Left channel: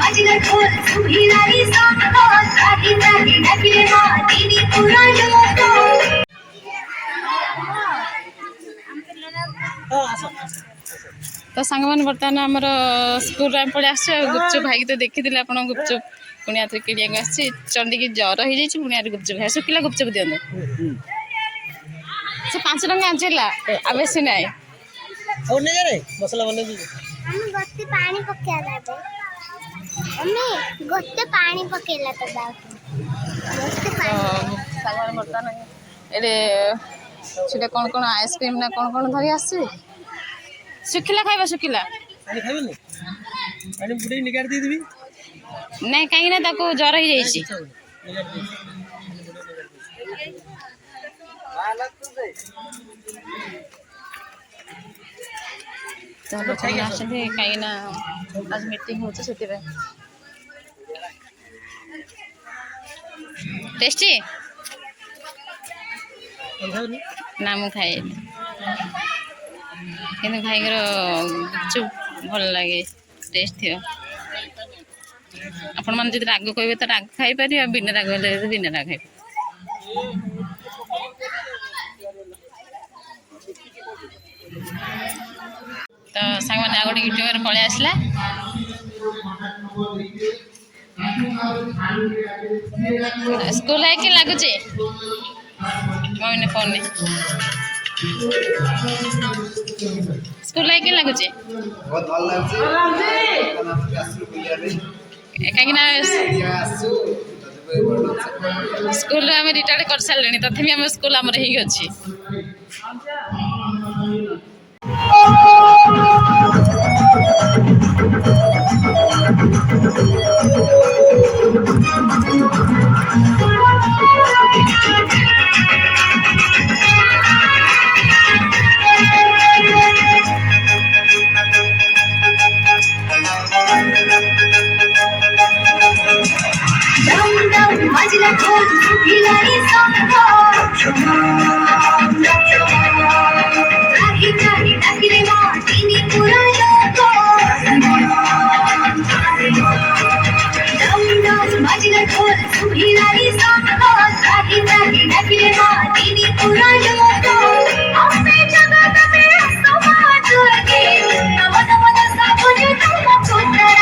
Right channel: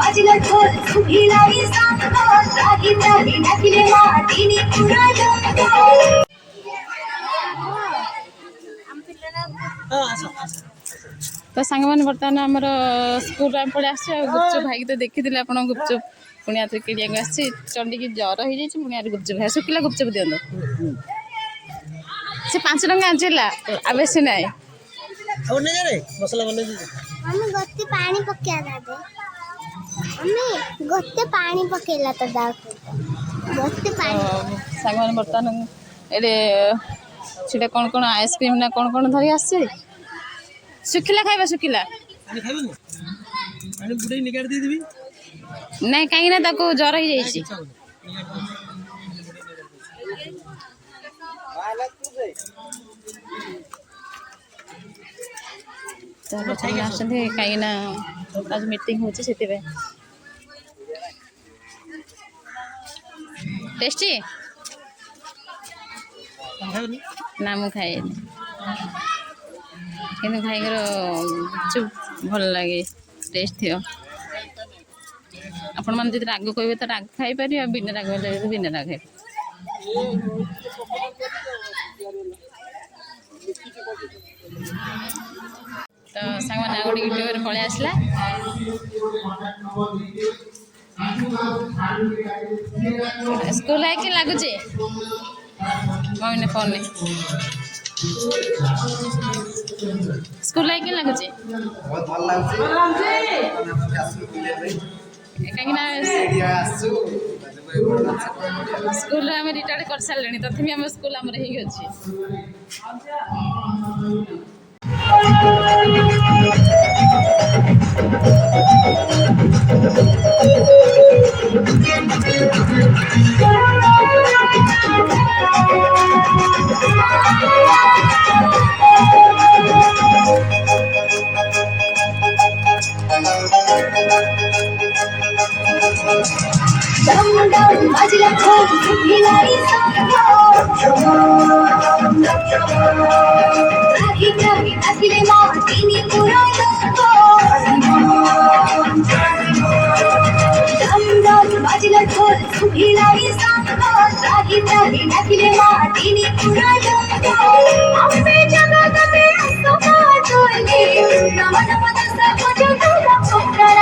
বাজিলা ঢোল সুভিলারি সঙ্গ রাহি রাহি ডাকিলে মা দিনি পুরা লোক तो सांग मैंने बर्तमान आमर स्कूल पड़े आस गुपचुप भाई तो देखी आप गुपचुप पुणी आते किड़िया आस चंडी की जर हो जाए पुणी आते गुपचुप है शुखिला गुपचुप दिखाँ से 5 टंका आंचला आ बेस ना मसला बने गोटे पानी पकेला दे मम्मी गोटे पानी पकेला तो दाऊ गोटे पानी सांग मैंने बर्तमान ये सीटा कौन कौन आइसक्रीम ना कौन कौन धरी आस शुखिला खाइबा शुखिला पानी खाइबे पानी बुडे निकाल दी देबी नहीं कहीं ना ताको जर हो जाइए तो लोक मैंने कहीं ना आज मीटिंग होची से टेस्टी ना मु खाए कि भाई गुपचुप भल लगे टेस्ट थी आपण मैंने जो राग कहे तो राग खाई पारि बिना राग हेल्ले बिना राग खाई तो सांग मैंने गोटे यूट्यूबर पलि आसला स्कूल है कि लगुच मम्मी फोन ने स्कूल है कि लगुच बहुत भल लाଗୁଛି कहीं स्कूल आम रिटायर कर सारे तथि आम स्कूल आम ही अच्छी dum dum বাজিলা ঢোল সুভিলারি সঙ্গ রাহি রাহি ডাকিলে মা দিনি পুরা লোক dum dum বাজিলা ঢোল সুভিলারি সঙ্গ রাহি রাহি ডাকিলে মা দিনি পুরা লোক আপে জগতে আসমাত গে নম নম দশা বুঝ তুম পুত্রা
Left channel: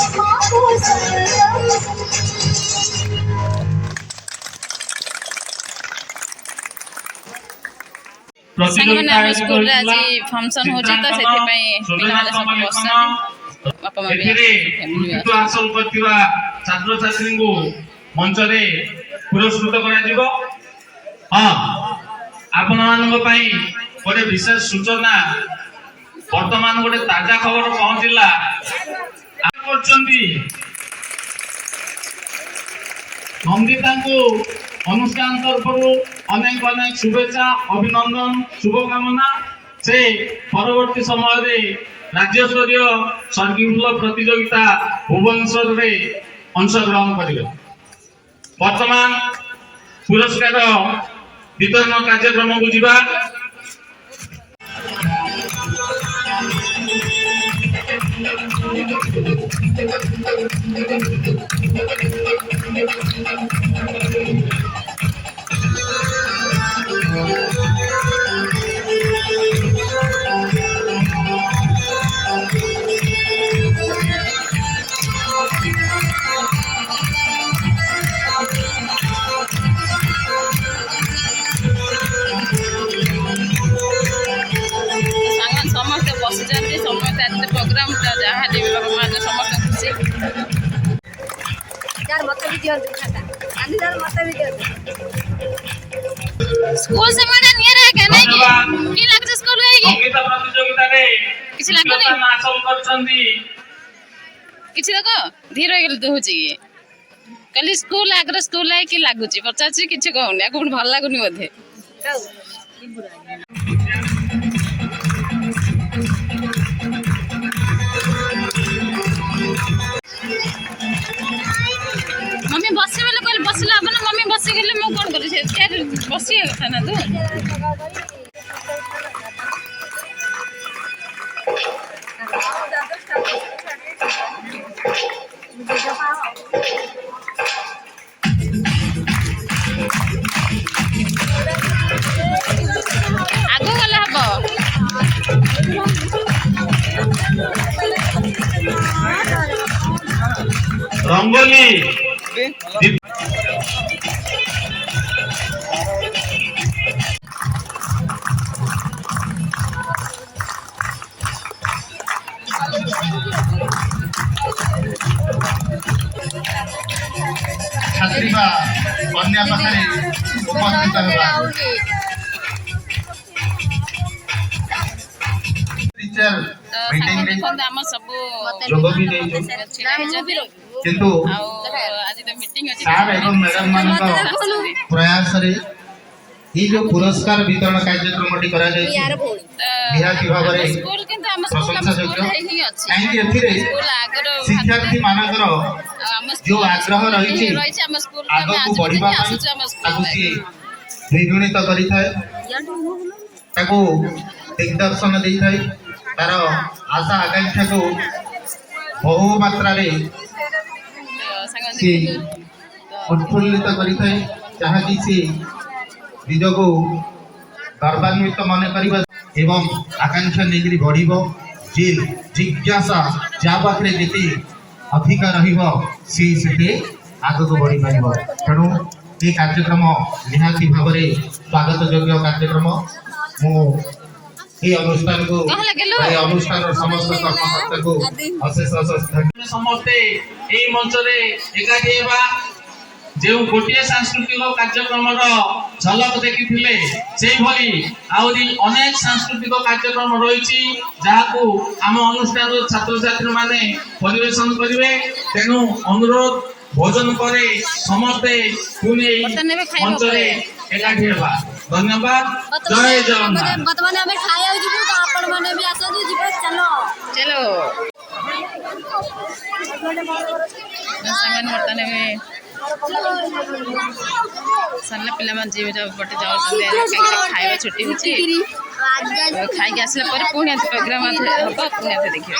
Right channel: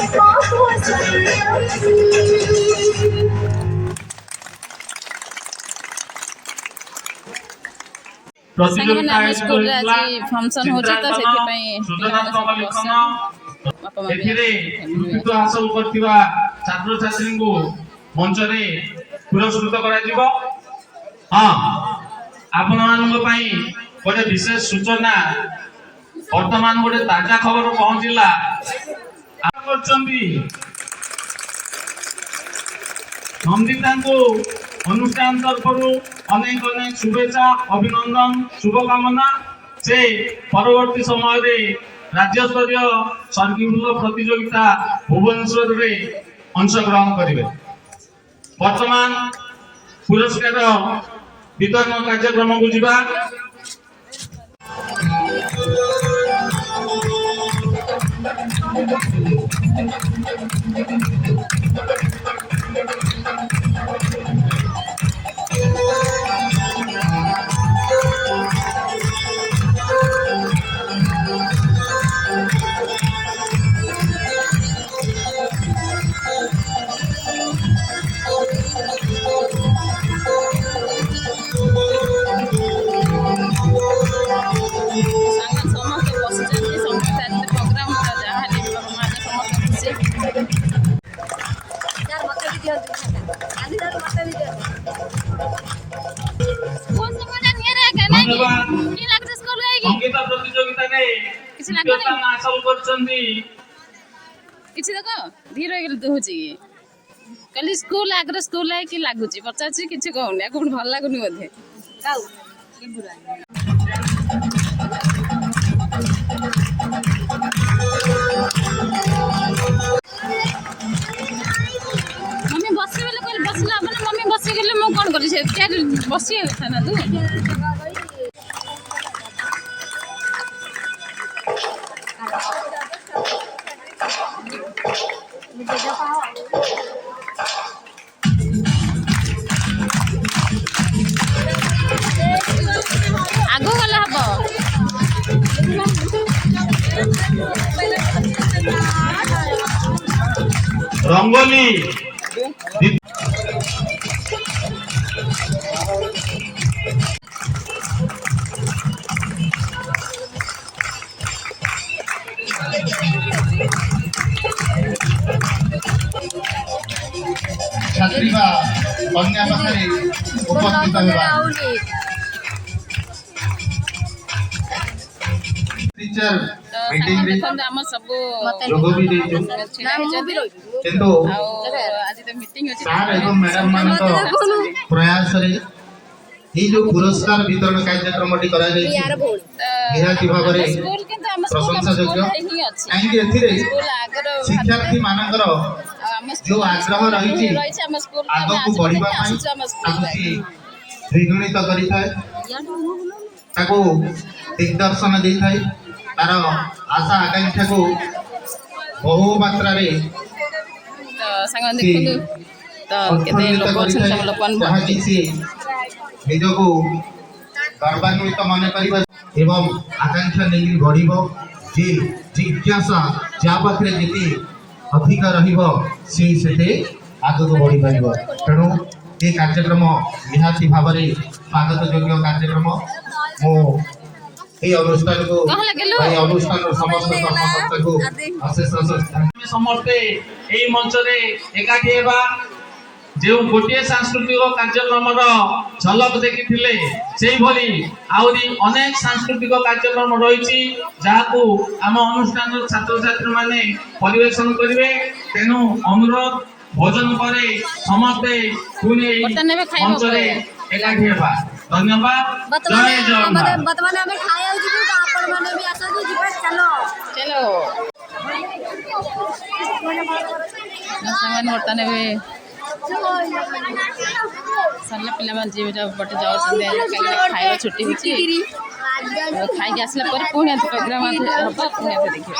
बाबू सरगम ସାଙ୍ଗମାନେ ଆମ ସ୍କୁଲରେ ଆଜି ଫଙ୍କସନ୍ ହେଉଛି ତ ସେଥିପାଇଁ ପିଲାମାନେ ସବୁ ବସିଛନ୍ତି ବାପା ମା ବି କୃତିତ୍ୱ ହାସଲ କରିଥିବା ଛାତ୍ରଛାତ୍ରୀଙ୍କୁ ମଞ୍ଚରେ ପୁରସ୍କୃତ କରାଯିବ। ହଁ, ଆପଣମାନଙ୍କ ପାଇଁ ଗୋଟେ ବିଶେଷ ସୂଚନା, ବର୍ତ୍ତମାନ ଗୋଟେ ତାଜା ଖବର ପହଞ୍ଚିଲା। କରୁଛନ୍ତି ନନ୍ଦିତାଙ୍କୁ ଅନୁଷ୍ଠାନ ତରଫରୁ ଅନେକ ଅନେକ ଶୁଭେଚ୍ଛା, ଅଭିନନ୍ଦନ, ଶୁଭକାମନା। ସେ ପରବର୍ତ୍ତୀ ସମୟରେ ରାଜ୍ୟସ୍ତରୀୟ ସଙ୍ଗୀତ ପ୍ରତିଯୋଗିତା ଭୁବନେଶ୍ୱରରେ ଅଂଶଗ୍ରହଣ କରିବେ। ବର୍ତ୍ତମାନ ପୁରସ୍କାର ବିତରଣ କାର୍ଯ୍ୟକ୍ରମକୁ ଯିବା। ସମସ୍ତେ ବସିଛନ୍ତି, ସମସ୍ତେ ଆଜି ପ୍ରୋଗ୍ରାମ ଯାହା ଦେବି ବାପା ମା ସମସ୍ତେ ଖୁସି। ସ୍କୁଲ ସେମାନେ ନିଆରେ ଆଜ୍ଞା ନାଇଁ କି କି ଲାଗୁଛି ସ୍କୁଲ ଯାଇକି ସଙ୍ଗୀତ ପ୍ରତିଯୋଗିତାରେ କିଛି ଲାଗୁନି ହାସଲ କରିଛନ୍ତି। କିଛି ଦେଖ ଧୀର ହେଇଗଲେ ତ ହଉଛି କି କାଲି ସ୍କୁଲ ଆଗରେ ସ୍କୁଲ କି ଲାଗୁଛି ପଚାରୁଛି କିଛି କହୁନି ଆଉ କୋଉଠି ଭଲ ଲାଗୁନି ବୋଧେ। मम्मी बस बेले कहले बसला अब ना मम्मी बस गेले मु कोन करी से चेयर बसिया କଥା ना तू आगो गला हबो रंगोली छात्री बा कन्या पाखरे उपस्थित हेबा टीचर मीटिंग रे हम सब जोग भी दे किंतु आज तो मीटिंग अछि सार एवं मैडम मानक प्रयास रे ये जो पुरस्कार वितरण कार्यक्रम टी करा जाय निहाती भाव रे स्कूल किंतु हम प्रशंसा योग्य ही अछि काहे एथिरे स्कूल आगर शिक्षार्थी मानकर जो आग्रह रही हम स्कूल आग को बढ़िबा हम स्कूल द्विगुणित करि थाए ताको दिग्दर्शन दै थाए तार आशा आकांक्षा को बहु मात्रा रे संग देखलु तो उत्फुल्लित करि थाए जहाँ कि से निजको गर्वान्वित मन करिबा एवं आकांक्षा नेगिरी बढ़िबो जे जिज्ञासा जा पाखरे जेते अधिक रहिबो से सेते आगको बढ़ि पाइबो। तेणु ये कार्यक्रम निहाती भाव रे स्वागत योग्य कार्यक्रम मो ये अनुष्ठान को ये अनुष्ठान समस्त कर्मकर्ता को अशेष अशेष धन्यवाद। समस्ते एई मंच रे एकाठी हेबा जो गोटे सांस्कृतिक कार्यक्रम झलक देखी से भली आहरी अनेक सांस्कृतिक कार्यक्रम रही जहाँ आम अनुष्ठान छात्र छात्री माने परिवेशन करेंगे। तेणु अनुरोध भोजन पर समस्ते पुणी मंच एकाठी हेबा। धन्यवाद। जय जगन्नाथ। बर्तमान आमे खाया जिबु त आपण माने भी आसदु जिबा चलो चलो संगन वर्तने भी सरला पिला मान जीव जा बटे जाउ खाଇବା छुट्टी होची खाई के आसला पर पुणे प्रोग्राम हबा पुणे देखियो।